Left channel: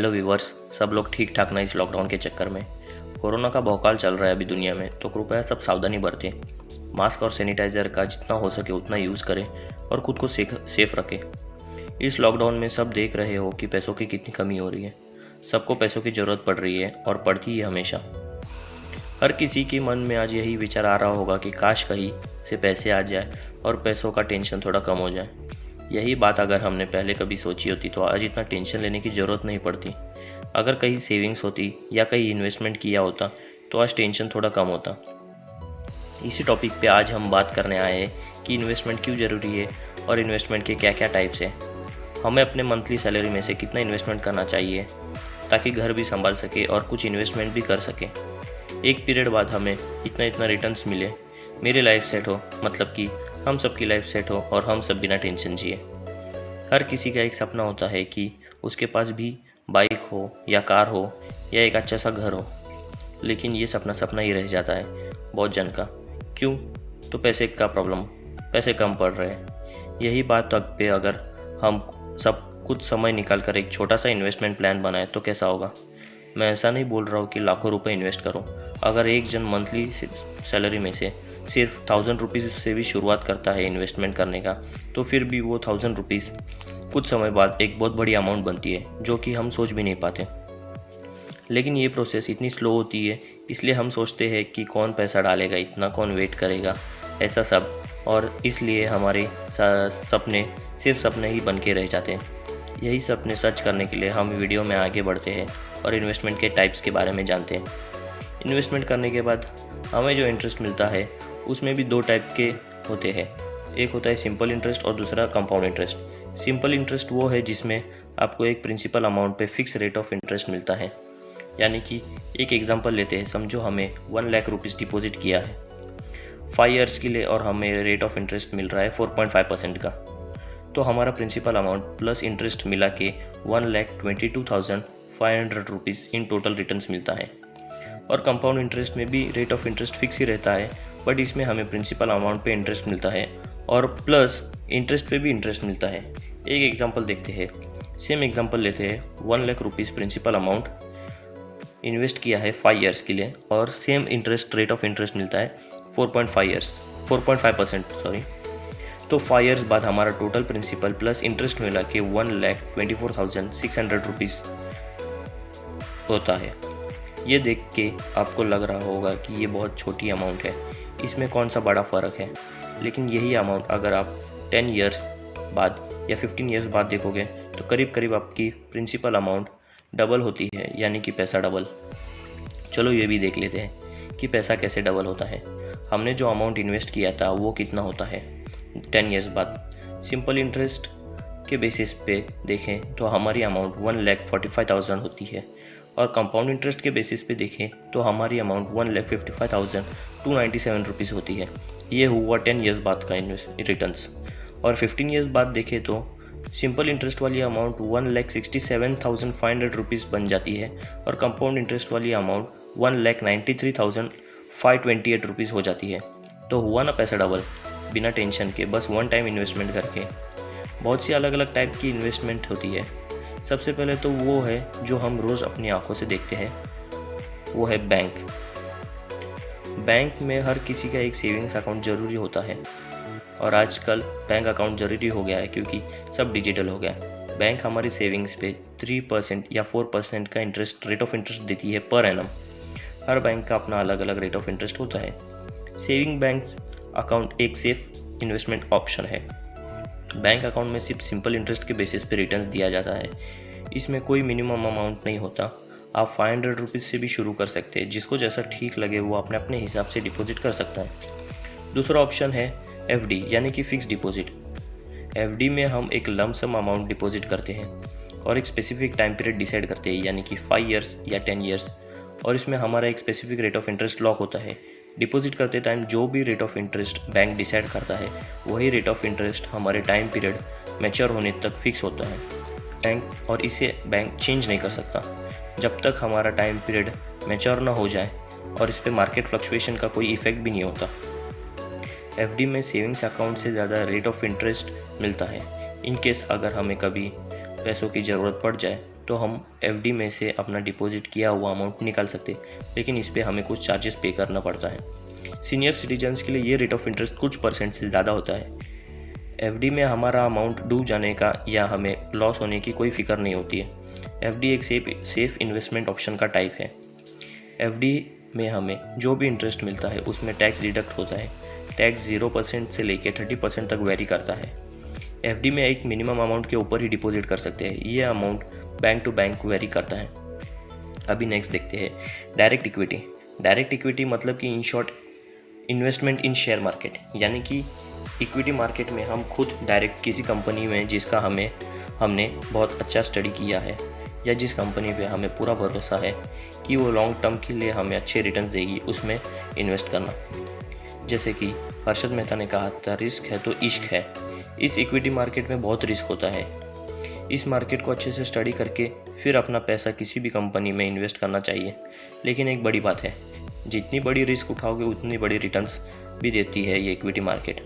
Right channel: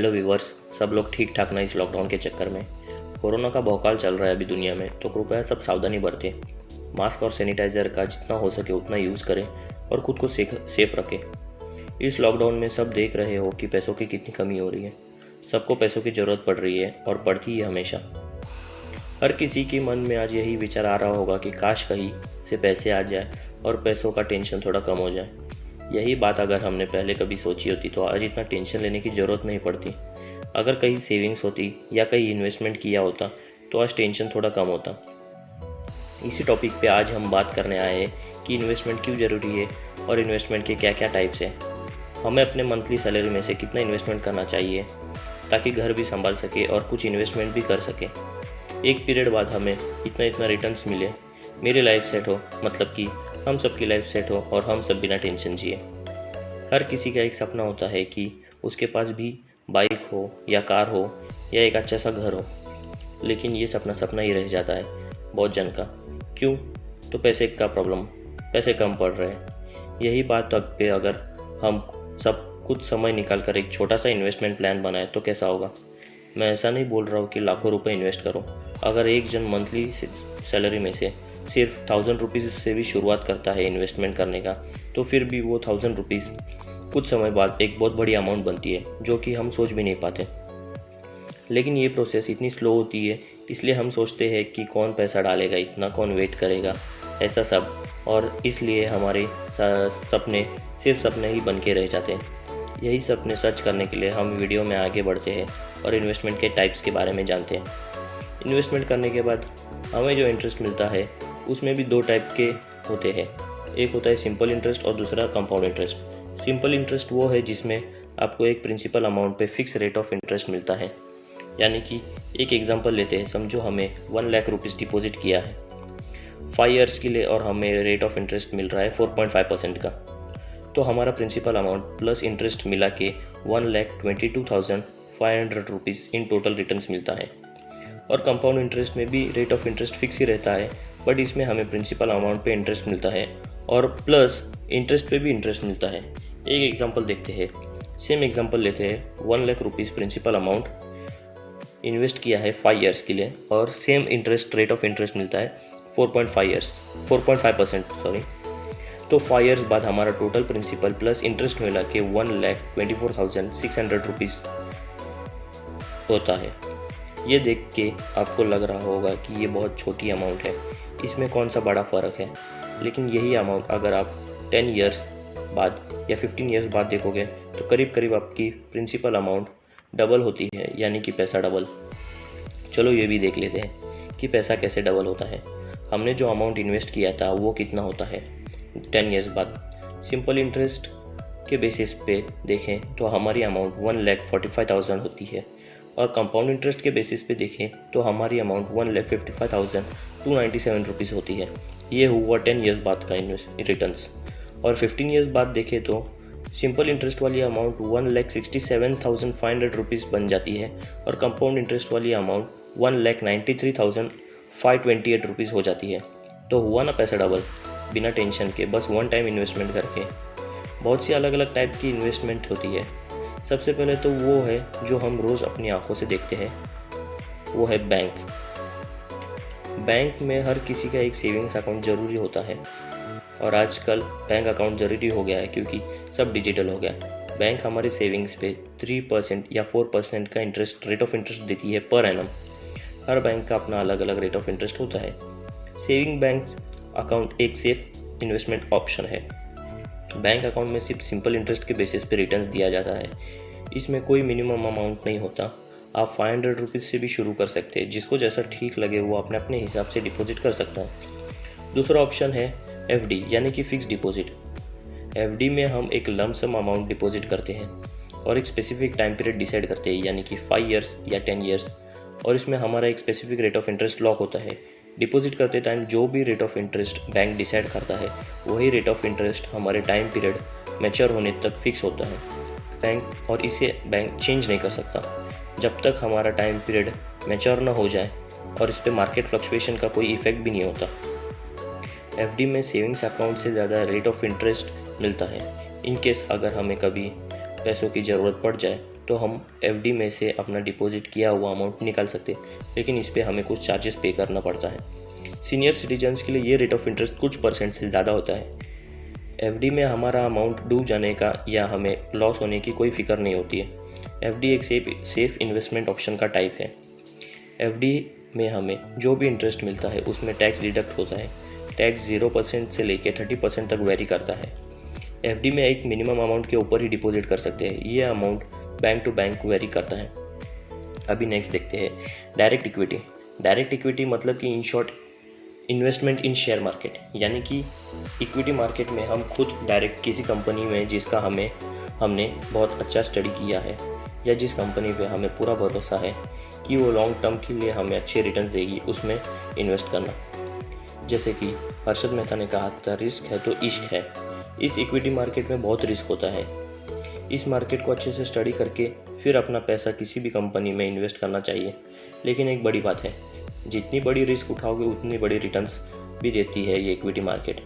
Hello viewers. सब लोग ठीक ठाक ना इस लॉकडाउन के चक्कर में। कोरोना का भौकाल चल रहा है अभी दुनिया में, तो कृपया सब सावधानी बरतें। मास्क और सैनिटाइजर का जितना हो सके उतना यूज़ करें और खुद को सेफ रखें। इस लॉकडाउन में सब देख रहे हो कि पैसों की कितनी कमी हो रही है। सबको पैसों की ज़रूरत पड़ रही है और पड़ती है हमेशा। हर किसी के मन में आज यही विचार आ रहा होगा कि काश कहीं से पैसे आ जाए और पैसों का टेंशन थोड़ा कम हो जाए। यही बात अगर हमने पहले कभी सोची होती तो आज इतना टेंशन लेने की ज़रूरत नहीं पड़ती। अगर कहीं सेविंग्स होती या कहीं इन्वेस्टमेंट किया होता तो आज टेंशन थोड़ा कम होता। इसी टॉपिक पे आज हम बात करने आए हैं कि इन्वेस्टमेंट क्यों ज़रूरी है और इन्वेस्टमेंट के क्या क्या टाइप्स हैं। हमें अपने मंथली सैलरी में से कितना इन्वेस्टमेंट करना चाहिए ताकि घर भी संभाल सके और कुछ इन्वेस्टमेंट भी कर सके। एक पीरियड बाद हमें इतना इतना रिटर्न्स मिले, मेरी लाइफ सेट हो, मतलब कि हम सबकी लाइफ सेट हो और हम सब बिना टेंशन जिए। हर किसी का एक सपना होता है कि उसके पास भी बाइक हो या कार हो या एक अच्छा सा घर हो, लेकिन ये सपना सपना ही रह जाता है बहुत जन का। क्यों? तो पैसे का प्रॉब्लम, पैसे कम पड़ रहे हैं। यही बात तक पे अगर हम सब कुछ समय निकाल कर एक छोटा सा इन्वेस्टमेंट प्लान बनाए तो कैसा होगा। मैं ऐसा नहीं बोल रहा हूँ कि लाखों रुपए इन्वेस्ट करो। अगर एक जन मंथली सैलरी में से सिर्फ 1000 रुपीज़ से भी शुरुआत करता है इन्वेस्टमेंट करने का, तो फिर भी वो 1000 रुपीज़ कुछ समय बाद एक बहुत बड़ी अमाउंट बनती है जो कि हम सोच भी नहीं पाते। लेकिन ये प्रोसेस इतनी स्लो होती है, इसलिए हम सोचते हैं कि कौन पैसा डालेगा, इतना कौन वेट करेगा, ऐसा सब। और इसलिए हमारे सपने सिर्फ सपने ही बन के रह जाते हैं। यही सपने सच करने के लिए हम वीडियो में आगे बढ़ते हैं और इन्वेस्टमेंट के टाइप्स के बारे में जानते हैं। इन्वेस्टमेंट करने के बाद हमें जो इंटरेस्ट मिलता है उसमें भी दो टाइप के होते हैं। एक होता है सिंपल इंटरेस्ट और दूसरा कंपाउंड इंटरेस्ट। सिंपल इंटरेस्ट वो है जिसमें आपको एक प्रिंसिपल अमाउंट पे फिक्स रेट ऑफ इंटरेस्ट मिलता है। यानी कि एक एग्जांपल लेते हैं, समझो हमें 1 लाख रुपीज़ डिपॉजिट किया है 5 ईयर्स के लिए और हमें रेट ऑफ इंटरेस्ट मिल रहा है 4.5% का। तो हमारा प्रिंसिपल अमाउंट प्लस इंटरेस्ट मिला के 1,22,500 रुपीज़ इन टोटल रिटर्न्स मिलता है। और कंपाउंड इंटरेस्ट में भी रेट ऑफ इंटरेस्ट फिक्स ही रहता है, बट इसमें हमें प्रिंसिपल अमाउंट पे इंटरेस्ट मिलता है और प्लस इंटरेस्ट पे भी इंटरेस्ट मिलता है। एक एग्जांपल देखते हैं, सेम एग्जांपल लेते हैं। 1 lakh rupees principal amount invest किया है 5 ईयर्स के लिए और same interest rate of interest मिलता है 4.5% सॉरी। तो 5 ईयर्स बाद हमारा टोटल प्रिंसिपल प्लस इंटरेस्ट मिला के 1,24,600 रुपीज़ होता है। ये देख के आपको लग रहा होगा कि ये बहुत छोटी अमाउंट है, इसमें कौन सा बड़ा फ़र्क है। लेकिन यही अमाउंट अगर आप 10 ईयर्स बाद या 15 ईयर्स बाद देखोगे तो करीब करीब आपकी प्रिंसिपल अमाउंट डबल होती है, यानी कि पैसा डबल। चलो ये भी देख लेते हैं कि पैसा कैसे डबल होता है। हमने जो अमाउंट इन्वेस्ट किया था वो कितना होता है 10 ईयर्स बाद। सिंपल इंटरेस्ट के बेसिस पे देखें तो हमारी अमाउंट 1,45,000 होती है और कंपाउंड इंटरेस्ट के बेसिस पे देखें तो हमारी अमाउंट 1,55,297 रुपीज़ होती है। ये हुआ 10 ईयर्स बाद का रिटर्न्स। और 15 ईयर्स बाद देखें तो सिंपल इंटरेस्ट वाली अमाउंट 1,67,500 रुपीज़ बन जाती है और कंपाउंड इंटरेस्ट वाली अमाउंट 1,93,528 रुपीज़ हो जाती है। तो हुआ ना पैसा डबल, बिना टेंशन के, बस वन टाइम इन्वेस्टमेंट करके। बहुत सी अलग अलग टाइप की इन्वेस्टमेंट होती है। सबसे पहले तो वो है जो हम रोज़ अपनी आंखों से देखते हैं, वो है बैंक। बैंक में हर किसी का एक सेविंग्स अकाउंट ज़रूरी होता है और आजकल बैंक अकाउंट ज़रूरी हो गया है क्योंकि सब डिजिटल हो गया है। बैंक हमारी सेविंग्स पे 3% या 4% का इंटरेस्ट रेट ऑफ इंटरेस्ट देती है पर एनम। हर बैंक का अपना अलग अलग रेट ऑफ इंटरेस्ट होता है। सेविंग बैंक अकाउंट एक सेफ इन्वेस्टमेंट ऑप्शन है। बैंक अकाउंट में सिर्फ सिंपल इंटरेस्ट के बेसिस पे रिटर्न्स दिया जाता है। इसमें कोई मिनिमम अमाउंट नहीं होता। आप 500 रुपीज़ से भी शुरू कर सकते हैं। जिसको जैसा ठीक लगे वो अपने अपने हिसाब से डिपॉजिट कर सकता है। दूसरा ऑप्शन है एफडी, यानी कि फिक्स डिपॉजिट। एफडी में हम एक लम सम अमाउंट डिपॉजिट करते हैं और एक स्पेसिफिक टाइम पीरियड डिसाइड करते हैं, यानी कि 5 ईयर्स या 10 ईयर्स। और इसमें हमारा एक specific rate of interest lock होता है। डिपॉजिट करते टाइम जो भी rate of interest bank decide करता है वही रेट ऑफ इंटरेस्ट हमारे टाइम पीरियड मैच्योर होने तक फिक्स होता है बैंक, और इसे बैंक चेंज नहीं कर सकता जब तक हमारा टाइम पीरियड मैच्योर ना हो जाए और इस पर मार्केट फ्लक्चुएशन का कोई इफेक्ट भी नहीं होता। एफडी में सेविंग्स अकाउंट से ज़्यादा रेट ऑफ इंटरेस्ट मिलता है। इन केस अगर हमें कभी पैसों की ज़रूरत पड़ जाए तो हम एफडी में से अपना डिपॉजिट किया हुआ अमाउंट निकाल सकते हैं, लेकिन इस पे हमें कुछ चार्जेस पे करना पड़ता है। सीनियर सिटीजन्स के लिए ये रेट ऑफ इंटरेस्ट कुछ % से ज़्यादा होता है। एफडी में हमारा अमाउंट डूब जाने का या हमें लॉस होने की कोई फिक्र नहीं होती है। एफडी एक सेफ इन्वेस्टमेंट ऑप्शन का टाइप है। एफडी में हमें जो भी इंटरेस्ट मिलता है उसमें टैक्स डिडक्ट होता है। टैक्स 0% से लेकर 30% तक वेरी करता है। एफडी में एक मिनिमम अमाउंट के ऊपर ही डिपॉजिट कर सकते हैं। ये amount bank to bank vary करता है। अभी नेक्स्ट देखते हैं डायरेक्ट इक्विटी। डायरेक्ट इक्विटी मतलब कि in short investment in share market, यानी कि इक्विटी मार्केट में हम खुद डायरेक्ट किसी कंपनी में जिसका हमने बहुत अच्छा स्टडी किया है या जिस कंपनी पे हमें पूरा भरोसा है कि वो लॉन्ग टर्म के लिए हमें अच्छे रिटर्न्स देगी, उसमें इन्वेस्ट करना। जैसे कि हर्षद मेहता ने कहा था, रिस्क है तो इश्क है। इस इक्विटी मार्केट में बहुत रिस्क होता है। इस मार्केट को अच्छे से स्टडी करके फिर अपना पैसा किसी भी कंपनी में इन्वेस्ट करना चाहिए। लेकिन एक बड़ी बात है, जितनी बड़ी रिस्क उठाओगे उतनी बड़ी रिटर्न्स भी देती है ये इक्विटी मार्केट।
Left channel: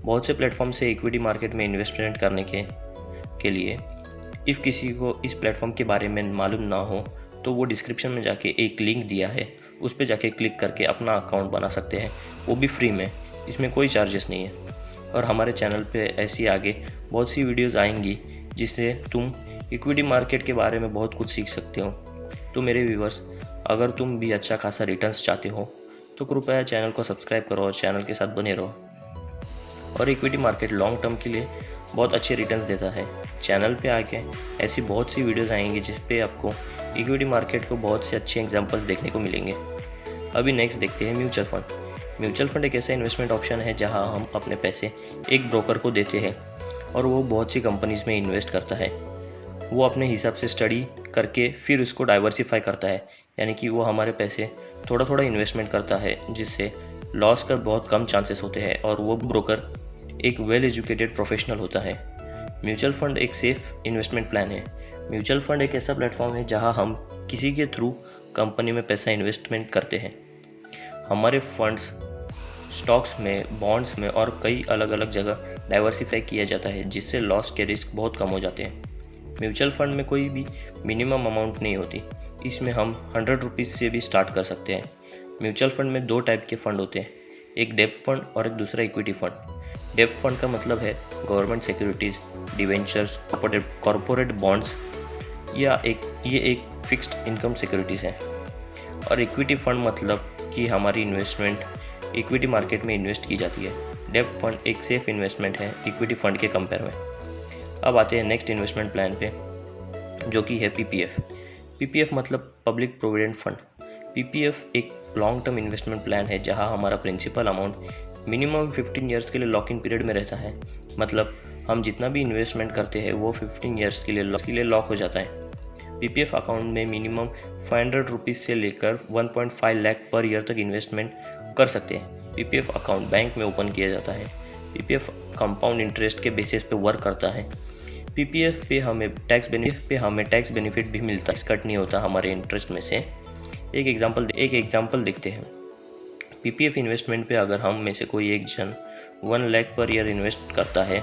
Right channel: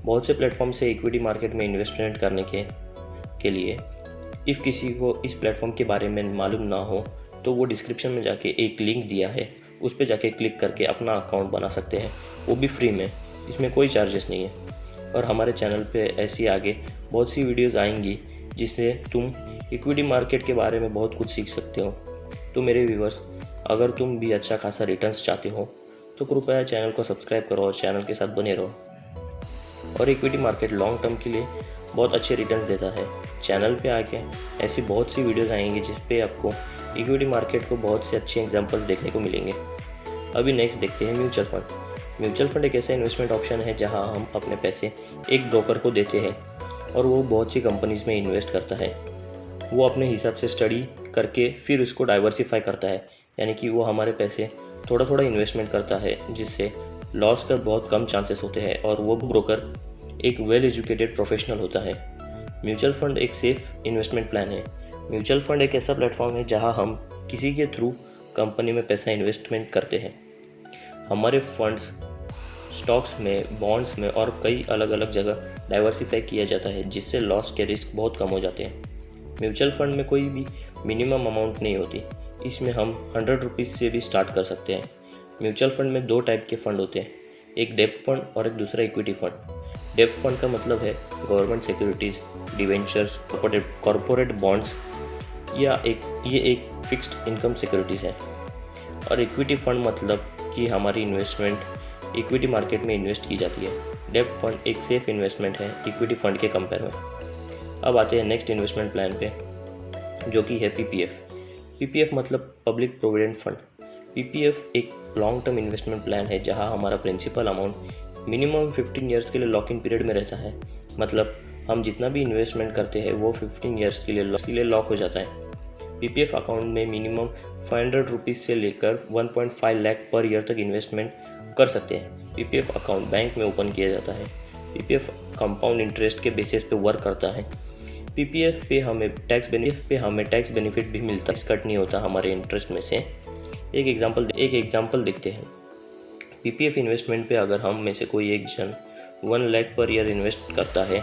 बहुत से प्लेटफॉर्म से इक्विटी मार्केट में इन्वेस्टमेंट करने के लिए इफ़ किसी को इस प्लेटफॉर्म के बारे में मालूम ना हो तो वो डिस्क्रिप्शन में जाके एक लिंक दिया है, उस पर जाके क्लिक करके अपना अकाउंट बना सकते हैं, वो भी फ्री में। इसमें कोई चार्जेस नहीं है। और हमारे चैनल पे ऐसी आगे बहुत सी वीडियोस आएंगी जिससे तुम इक्विटी मार्केट के बारे में बहुत कुछ सीख सकते हो। तो मेरे व्यूवर्स, अगर तुम भी अच्छा खासा रिटर्न्स चाहते हो तो कृपया चैनल को सब्सक्राइब करो और चैनल के साथ बने रहो। और इक्विटी मार्केट लॉन्ग टर्म के लिए बहुत अच्छे रिटर्न्स देता है। चैनल पे आके ऐसी बहुत सी वीडियोस आएंगी जिस पे आपको इक्विटी मार्केट को बहुत से अच्छे एग्जांपल्स देखने को मिलेंगे। अभी नेक्स्ट देखते हैं म्यूचुअल फंड। म्यूचुअल फंड एक ऐसा इन्वेस्टमेंट ऑप्शन है जहां हम अपने पैसे एक ब्रोकर को देते हैं और वो बहुत सी कंपनीज में इन्वेस्ट करता है। वो अपने हिसाब से स्टडी करके फिर उसको डाइवर्सिफाई करता है, यानी कि वो हमारे पैसे थोड़ा थोड़ा इन्वेस्टमेंट करता है जिससे लॉस का बहुत कम चांसेस होते हैं और वो ब्रोकर एक वेल एजुकेटेड प्रोफेशनल होता है। म्यूचुअल फंड एक सेफ इन्वेस्टमेंट प्लान है। म्यूचुअल फंड एक ऐसा प्लेटफॉर्म है जहां हम किसी के थ्रू कंपनी में पैसा इन्वेस्टमेंट करते हैं। हमारे फंड्स स्टॉक्स में, बॉन्ड्स में और कई अलग अलग जगह डाइवर्सिफाई किया जाता है जिससे लॉस के रिस्क बहुत कम हो जाते हैं। म्यूचुअल फंड में कोई भी मिनिमम अमाउंट नहीं होती। इसमें हम 100 रुपीज़ से भी स्टार्ट कर सकते हैं। म्यूचुअल फंड में 2 टाइप के फंड होते हैं, एक डेब्ट फंड और एक दूसरा इक्विटी फंड। डेब्ट फंड का मतलब है government securities, debentures, corporate bonds या ये एक फिक्स्ड इनकम सिक्योरिटीज़ है। और इक्विटी फंड मतलब कि हमारी इन्वेस्टमेंट इक्विटी मार्केट में इन्वेस्ट की जाती है। डेब्ट फंड एक सेफ इन्वेस्टमेंट है इक्विटी फंड के कंपेयर में। अब आते हैं नेक्स्ट इन्वेस्टमेंट प्लान पे, जो कि है पीपीएफ। पीपीएफ मतलब पब्लिक प्रोविडेंट फंड। पीपीएफ एक लॉन्ग टर्म इन्वेस्टमेंट प्लान है जहां हमारा प्रिंसिपल अमाउंट मिनिमम 15 ईयर्स के लिए लॉक इन पीरियड में रहता है। मतलब हम जितना भी इन्वेस्टमेंट करते हैं वो 15 ईयर्स के लिए लॉक हो जाता है। पीपीएफ अकाउंट में मिनिमम 500 रुपीज़ से लेकर 1.5 लाख पर ईयर तक इन्वेस्टमेंट कर सकते हैं। पीपीएफ अकाउंट बैंक में ओपन किया जाता है। पीपीएफ कंपाउंड इंटरेस्ट के बेसिस पे वर्क करता है। पीपीएफ पे हमें टैक्स बेनिफिट भी मिलता है, कट नहीं होता हमारे इंटरेस्ट में से। एक एग्जांपल देखते हैं। पीपीएफ इन्वेस्टमेंट पे अगर हम में से कोई एक जन 1 लाख पर ईयर इन्वेस्ट करता है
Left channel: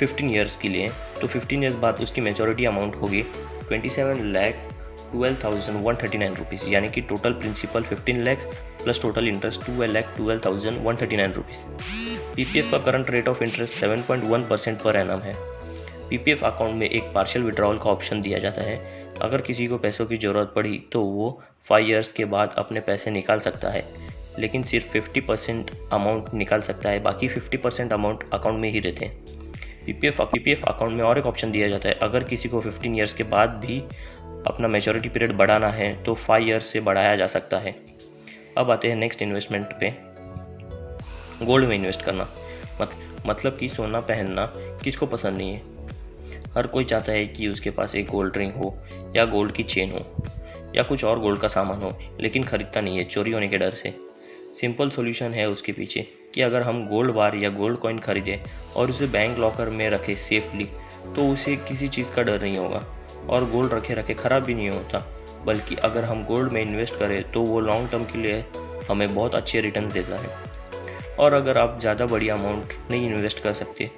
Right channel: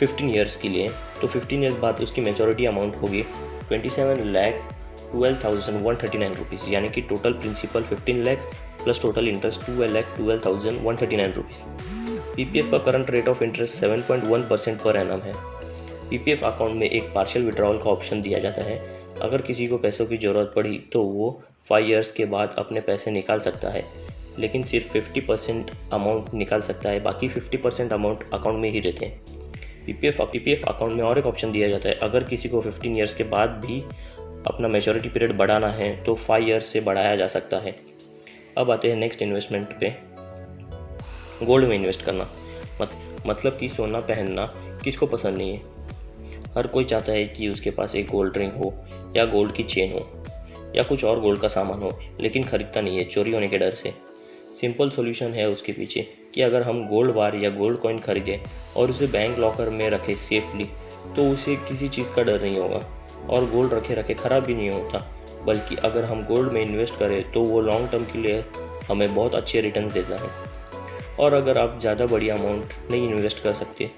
15 ईयर्स के लिए, तो 15 ईयर्स बाद उसकी मैच्योरिटी अमाउंट होगी 27,12,139 रुपीज़, यानी कि total principal 15 lakh plus total interest 12,12,139 rupees. PPF का current rate of interest 7.1% per annum है। पीपीएफ अकाउंट में एक पार्शियल विड्रॉल का ऑप्शन दिया जाता है। अगर किसी को पैसों की ज़रूरत पड़ी तो वो 5 ईयर्स के बाद अपने पैसे निकाल सकता है, लेकिन सिर्फ 50% अमाउंट निकाल सकता है, बाकी 50% अमाउंट अकाउंट में ही रहते हैं। पीपीएफ अकाउंट में और एक ऑप्शन दिया जाता है, अगर किसी को 15 ईयर्स के बाद भी अपना मैच्योरिटी पीरियड बढ़ाना है तो 5 ईयर्स से बढ़ाया जा सकता है। अब आते हैं नेक्स्ट इन्वेस्टमेंट पे, गोल्ड में इन्वेस्ट करना। मतलब कि सोना पहनना किसको पसंद नहीं है। हर कोई चाहता है कि उसके पास एक गोल्ड रिंग हो या गोल्ड की चेन हो या कुछ और गोल्ड का सामान हो, लेकिन खरीदता नहीं है चोरी होने के डर से। सिंपल सॉल्यूशन है उसके पीछे कि अगर हम गोल्ड बार या गोल्ड कॉइन खरीदें और उसे बैंक लॉकर में रखें सेफली, तो उसे किसी चीज़ का डर नहीं होगा और गोल्ड रखे ख़राब भी नहीं होता। बल्कि अगर हम गोल्ड में इन्वेस्ट करें तो वो लॉन्ग टर्म के लिए हमें बहुत अच्छे रिटर्न देता है। और अगर आप ज़्यादा बड़ी अमाउंट नहीं इन्वेस्ट कर सकते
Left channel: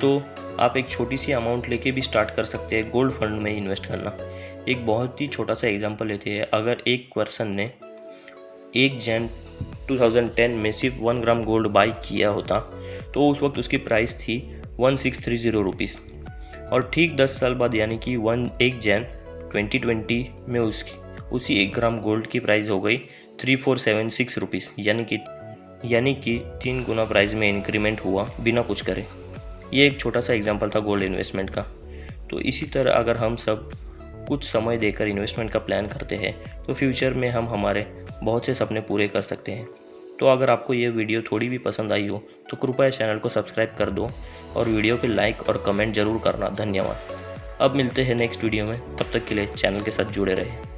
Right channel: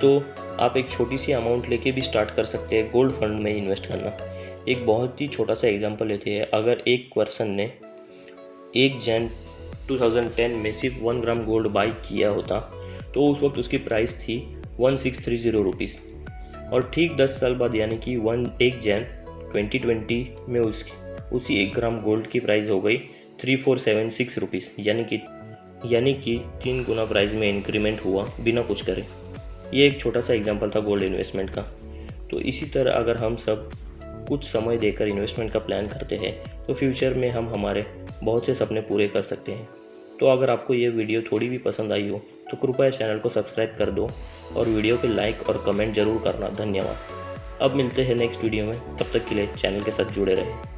तो आप एक छोटी सी अमाउंट लेके भी स्टार्ट कर सकते हैं गोल्ड फंड में इन्वेस्ट करना। एक बहुत ही छोटा सा एग्जांपल लेते हैं, अगर एक पर्सन ने 1 जन 2010 में सिर्फ 1 ग्राम गोल्ड बाई किया होता तो उस वक्त उसकी प्राइस थी 1630 रुपीज़, और ठीक 10 साल बाद यानी कि 1 जन 2020 में उसी 1 ग्राम गोल्ड की प्राइस हो गई 3476 रुपीज़, यानी कि 3 गुना प्राइस में इंक्रीमेंट हुआ बिना कुछ करे। ये एक छोटा सा एग्जांपल था गोल्ड इन्वेस्टमेंट का। तो इसी तरह अगर हम सब कुछ समय देकर इन्वेस्टमेंट का प्लान करते हैं तो फ्यूचर में हम हमारे बहुत से सपने पूरे कर सकते हैं। तो अगर आपको ये वीडियो थोड़ी भी पसंद आई हो तो कृपया चैनल को सब्सक्राइब कर दो और वीडियो पे लाइक और कमेंट ज़रूर करना। धन्यवाद। अब मिलते हैं नेक्स्ट वीडियो में, तब तक के लिए चैनल के साथ जुड़े रहें।